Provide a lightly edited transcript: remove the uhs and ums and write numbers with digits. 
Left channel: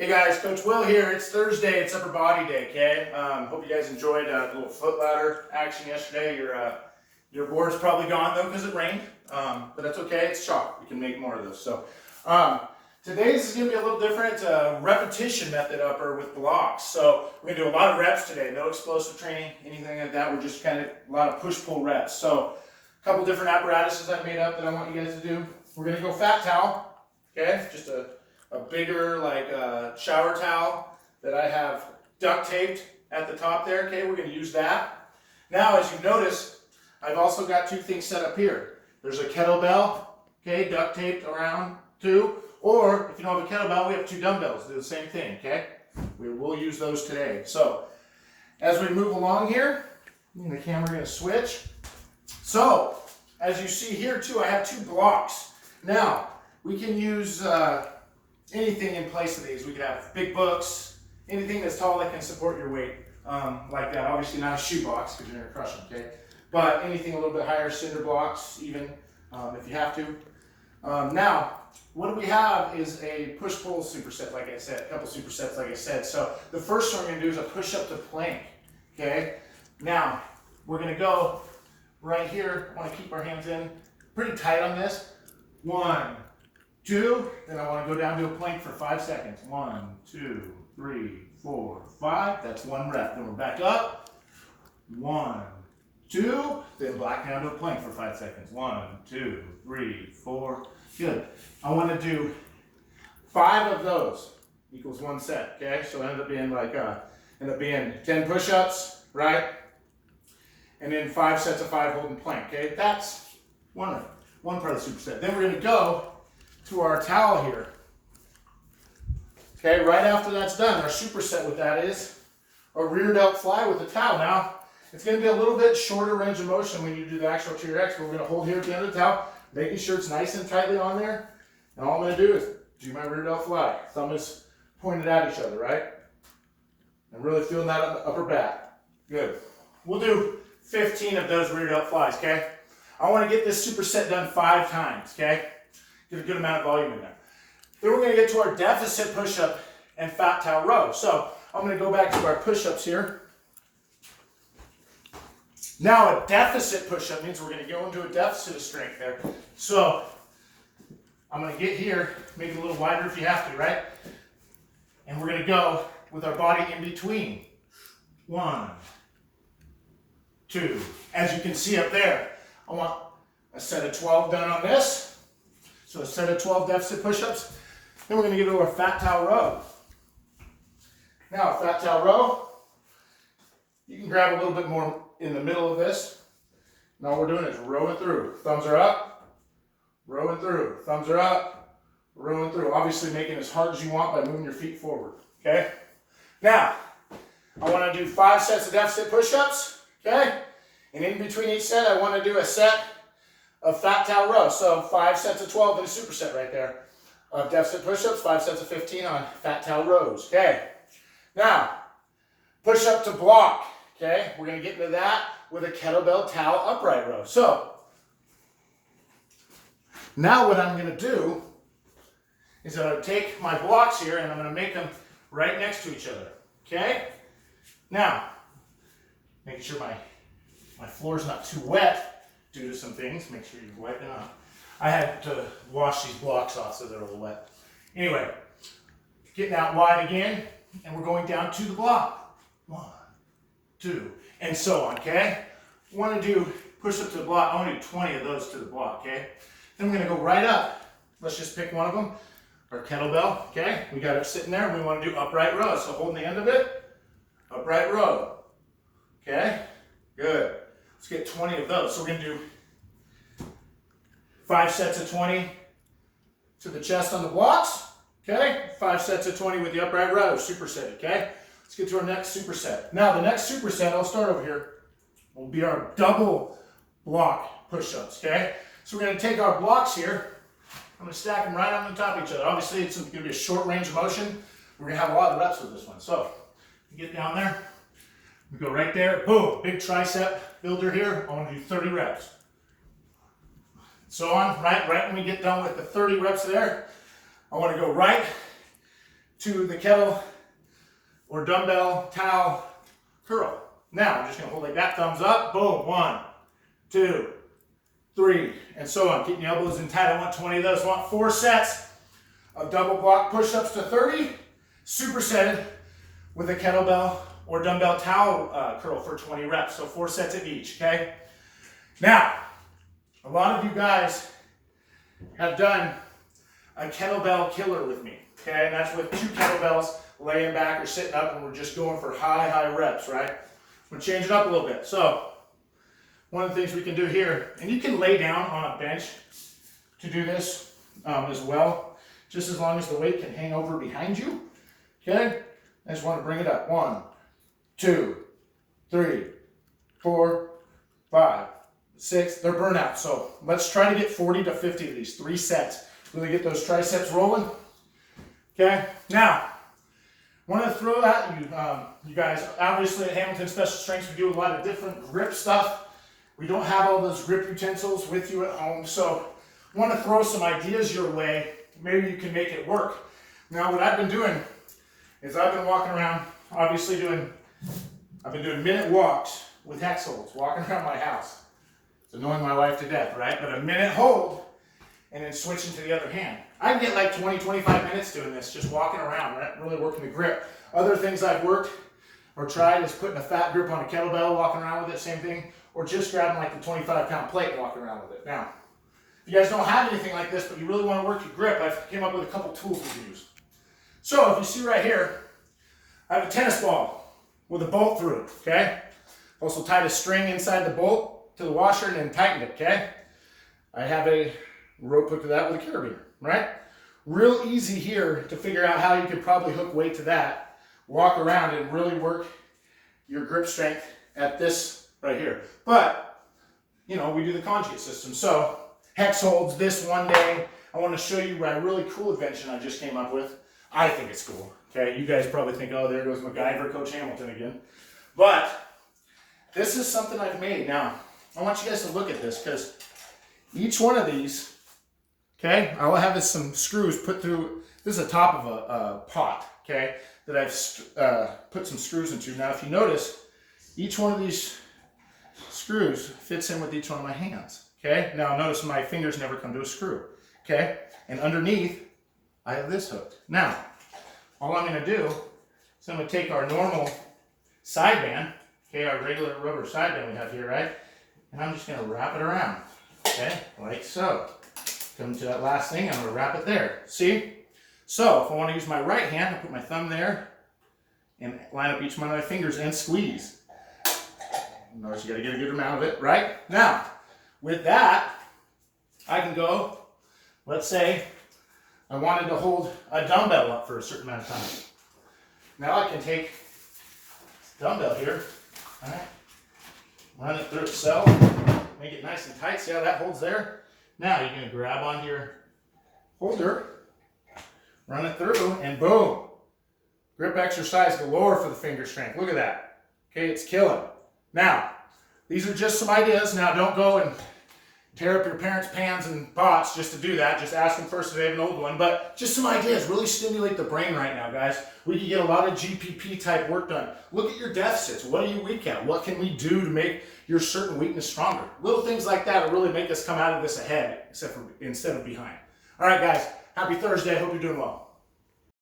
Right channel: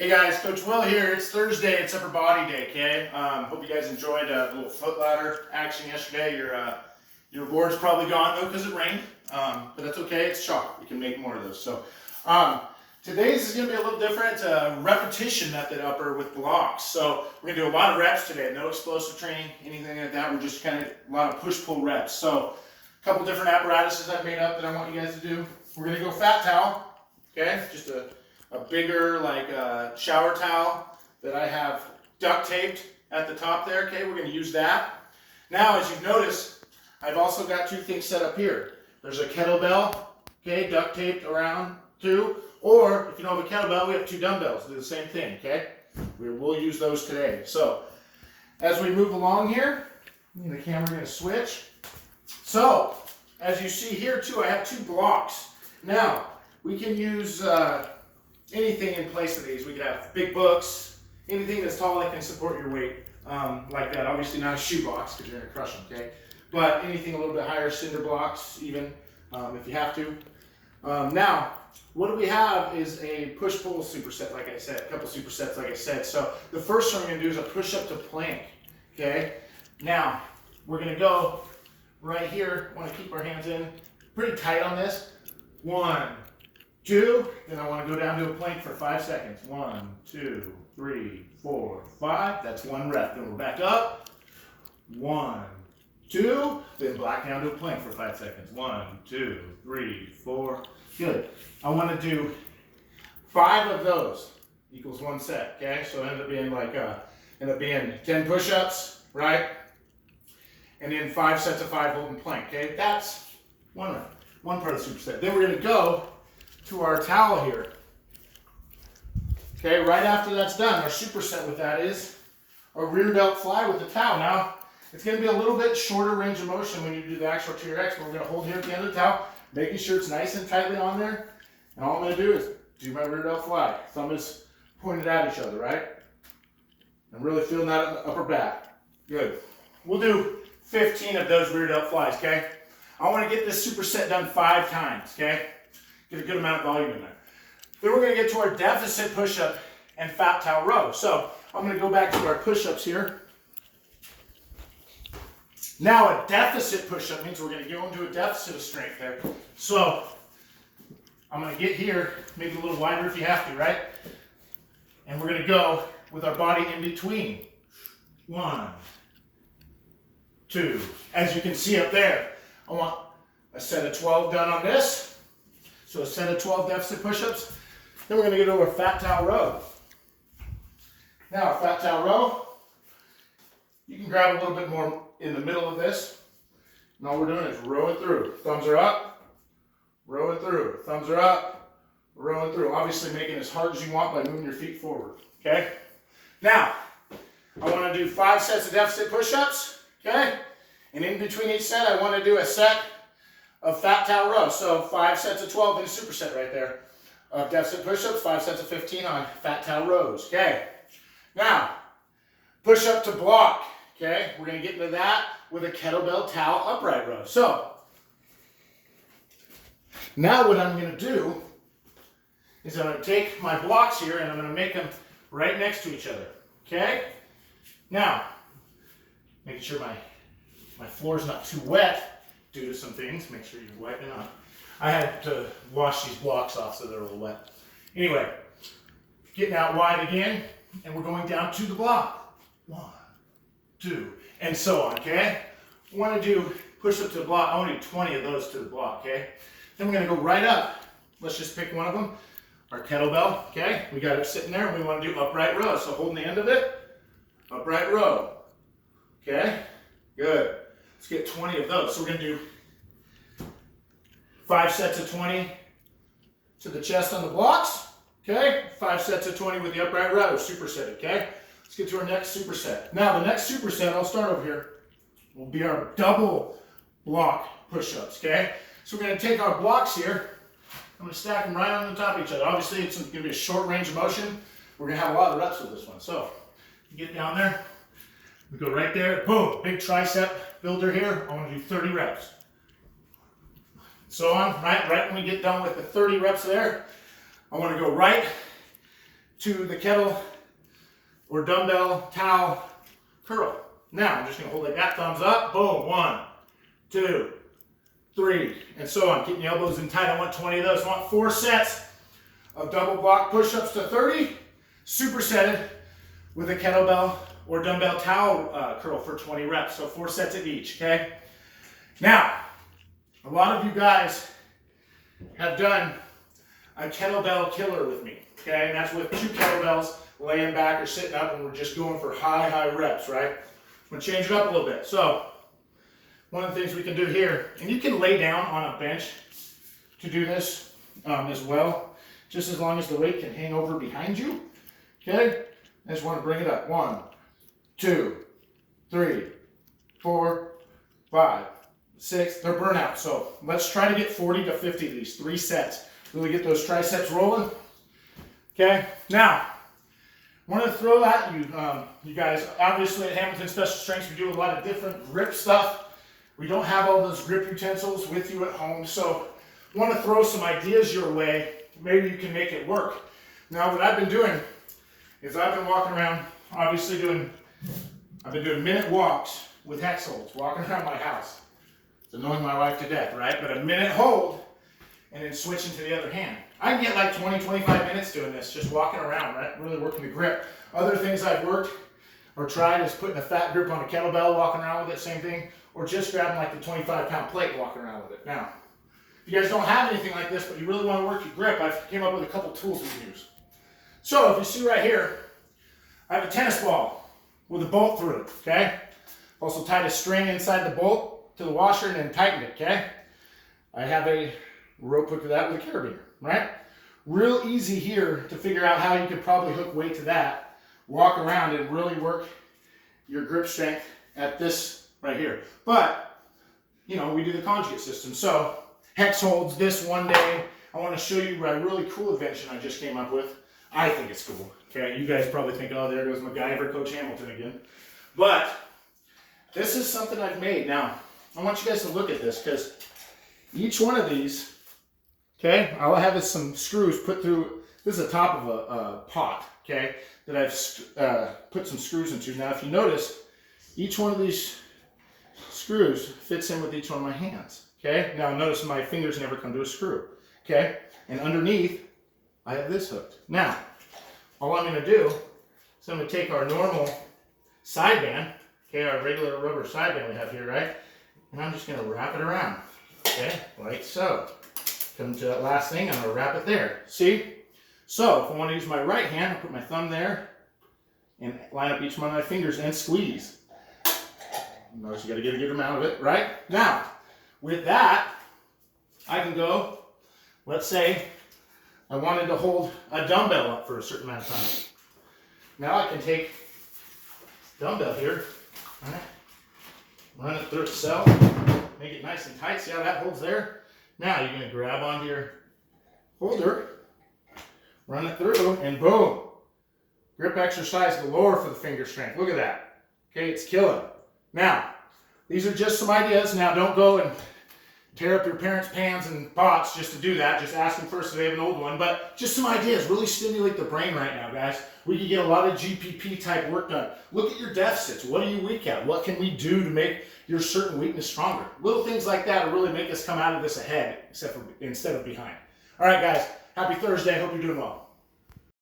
Hey guys, Coach Will here. It's Thursday. It's upper body day. Okay. Hope you guys enjoyed the little foot ladder action yesterday. Your board's probably gone though because it rained, but that's okay. It's chalk. We can make more of those. So today's is going to be a little different. Repetition method upper with blocks. So we're going to do a lot of reps today. No explosive training, anything like that. We're just kind of a lot of push-pull reps. So a couple different apparatuses I've made up that I want you guys to do. We're going to go fat towel. Okay, just a bigger shower towel that I have duct taped at the top there. Okay, we're going to use that. Now, as you notice, I've also got two things set up here. There's a kettlebell, okay, duct taped around too. Or if you don't have a kettlebell, we have two dumbbells. Do the same thing, okay? We'll use those today. So as we move along here, the camera going to switch. So as you see here too, I have two blocks. Now we can use anything in place of these. We could have big books, anything that's tall that can support your weight, like that. Obviously not a shoe box because you're gonna crush them, okay? But anything a little bit higher, cinder blocks even, if you have to. Now, what we have is a push-pull superset, like I said, a couple supersets, like I said. So the first one we're gonna do is a push-up to plank, okay? Now, we're gonna go right here. I wanna keep our hands in pretty tight on this. 1, 2, then I want to go down to a plank for 5 seconds. 1, 2, 3, 4, 5. That's one rep. Then we're back up. 1, 2, then back down to a plank for 5 seconds. 1, 2, 3, 4. Good. I want to do 5 of those equals 1 set. Okay, so it end up being 10 push-ups, right? And then 5 sets of 5 holding plank. Okay, that's one rep. One part of the superset. Then we're going to go to our towel here. Okay, right after that's done, our superset with that is a rear delt fly with the towel. Now, it's going to be a little bit shorter range of motion when you do the actual TRX, but we're going to hold here at the end of the towel, making sure it's nice and tightly on there. And all I'm going to do is do my rear delt fly. Thumb is pointed at each other, right? I'm really feeling that upper back. Good. We'll do 15 of those rear delt flies, okay? I want to get this superset done 5 times, okay? Get a good amount of volume in there. Then we're going to get to our deficit push-up and fat towel row. So I'm going to go back to our push-ups here. Now a deficit push-up means we're going to go into a deficit of strength there. So I'm going to get here, maybe a little wider if you have to, right? And we're going to go with our body in between. 1, 2. As you can see up there, I want a set of 12 done on this. So a set of 12 deficit push-ups. Then we're going to get over a fat towel row. Now a fat towel row, you can grab a little bit more in the middle of this. And all we're doing is rowing through. Thumbs are up, rowing through. Thumbs are up, rowing through. Obviously making it as hard as you want by moving your feet forward. Okay? Now, I want to do 5 sets of deficit push-ups. Okay? And in between each set, I want to do a set of fat towel rows. So 5 sets of 12 in a superset right there. Of deficit push-ups, 5 sets of 15 on fat towel rows. Okay. Now, push-up to block. Okay. We're going to get into that with a kettlebell towel upright row. So, now what I'm going to do is I'm going to take my blocks here and I'm going to make them right next to each other. Okay. Now, making sure my floor is not too wet due to some things. Make sure you wipe it off. I had to wash these blocks off so they're a little wet. Anyway, getting out wide again, and we're going down to the block. 1, 2, and so on, okay? I want to do push-up to the block. I want to do 20 of those to the block, okay? Then we're going to go right up. Let's just pick one of them. Our kettlebell, okay? We got it sitting there, and we want to do upright row. So holding the end of it, upright row, okay? Good. Let's get 20 of those. So we're going to do 5 sets of 20 to the chest on the blocks. Okay? 5 sets of 20 with the upright row, superset, okay? Let's get to our next superset. Now, the next superset, I'll start over here, will be our double block push-ups, okay? So we're going to take our blocks here. I'm going to stack them right on the top of each other. Obviously, it's going to be a short range of motion. We're going to have a lot of reps with this one. So, you get down there. We go right there. Boom. Big tricep builder here. I want to do 30 reps. So on, right when we get done with the 30 reps there, I want to go right to the kettle or dumbbell towel curl. Now I'm just gonna hold like that, thumbs up, boom, 1, 2, 3, and so on. Keeping the elbows in tight. I want 20 of those. I want 4 sets of double block push-ups to 30, supersetted with a kettlebell or dumbbell towel curl for 20 reps. So 4 sets of each, okay? Now, a lot of you guys have done a kettlebell killer with me, okay? And that's with 2 kettlebells laying back or sitting up, and we're just going for high reps, right? I'm gonna change it up a little bit. So, one of the things we can do here, and you can lay down on a bench to do this as well, just as long as the weight can hang over behind you, okay? I just want to bring it up. 1, 2, 3, 4, 5, 6. They're burnout. So let's try to get 40 to 50 of these, 3 sets. Really get those triceps rolling. Okay. Now, I want to throw that you guys. Obviously, at Hamilton Special Strengths, we do a lot of different grip stuff. We don't have all those grip utensils with you at home, so I want to throw some ideas your way. Maybe you can make it work. Now, what I've been doing is I've been walking around, obviously I've been doing minute walks with hex holds, walking around my house. It's annoying my wife to death, right? But a minute hold, and then switching to the other hand. I can get like 20, 25 minutes doing this, just walking around, right? Really working the grip. Other things I've worked or tried is putting a fat grip on a kettlebell, walking around with it, same thing, or just grabbing like the 25-pound plate, walking around with it. Now, if you guys don't have anything like this, but you really want to work your grip, I've came up with a couple tools we can use. So if you see right here, I have a tennis ball with a bolt through it, okay? Also tied a string inside the bolt to the washer and then tightened it, okay? I have a rope hook to that with a carabiner, right? Real easy here to figure out how you could probably hook weight to that, walk around and really work your grip strength at this right here. But, you know, we do the conjugate system. So hex holds this one day. I want to show you my really cool invention I just came up with. I think it's cool. Okay, you guys probably think, oh, there goes MacGyver, Coach Hamilton again. But this is something I've made. Now, I want you guys to look at this because each one of these, okay, I'll have some screws put through. This is the top of a pot, okay, that I've put some screws into. Now, if you notice, each one of these screws fits in with each one of my hands, okay? Now, notice my fingers never come to a screw, okay? And underneath, I have this hooked. Now, all I'm going to do is I'm going to take our normal side band, okay, our regular rubber side band we have here, right? And I'm just going to wrap it around, okay, like so. Come to that last thing, I'm going to wrap it there. See? So, if I want to use my right hand, I'll put my thumb there and line up each one of my fingers and squeeze. Notice you got to get a good amount of it, right? Now, with that, I can go, let's say, I wanted to hold a dumbbell up for a certain amount of time. Now I can take this dumbbell here, all right, run it through itself, make it nice and tight. See how that holds there? Now you're going to grab onto your holder, run it through, and boom. Grip exercise galore for the finger strength. Look at that. Okay, it's killing. Now, these are just some ideas. Now, don't go and tear up your parents' pans and pots just to do that. Just ask them first if they have an old one. But just some ideas. Really stimulate the brain right now, guys. We can get a lot of GPP type work done. Look at your deficits. What are you weak at? What can we do to make your certain weakness stronger? Little things like that will really make us come out of this ahead instead of behind. All right, guys. Happy Thursday. Hope you're doing well.